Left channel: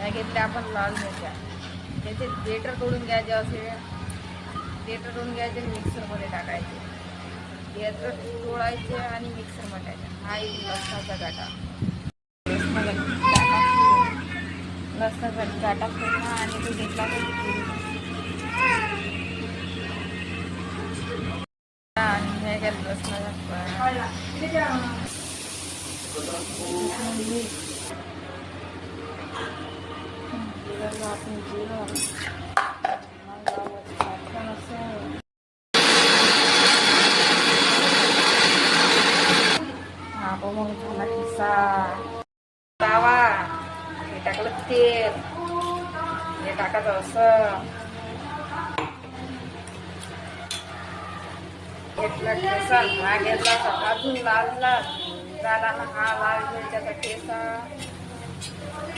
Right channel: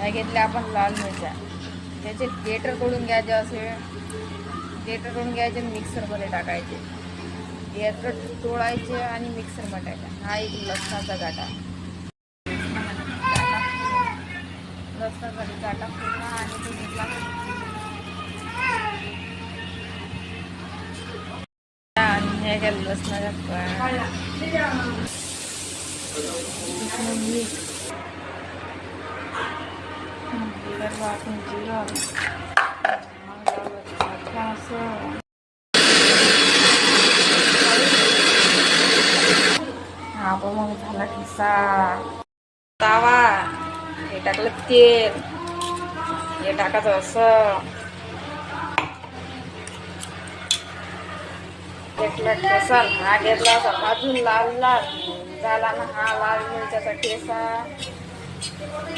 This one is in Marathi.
ह्या घेतल्या आपण लाल मिरच्या. त्याचे गेटर तोडून घ्यायचे, असे गेटर तोडून घ्यायचे, मिक्सरमध्ये टाकायचे. गेटर तोडायचे आणि मिक्सरमध्ये टाकायचे. हा एक लसणाचा गाठा. लसणाचा गाठा पूर्ण आणि तो घेतला आणि हे गेलं लसणाच्या मीठ. आपण जिरं हा पण मग झाला ठिसा तावा. हे टाकलं तेल, हे टाकायचं असं घेतला ठेसा. हा घेतला असा भाजून लाल लाल झाला ना हा लाल मिरच्याचा ठेसा.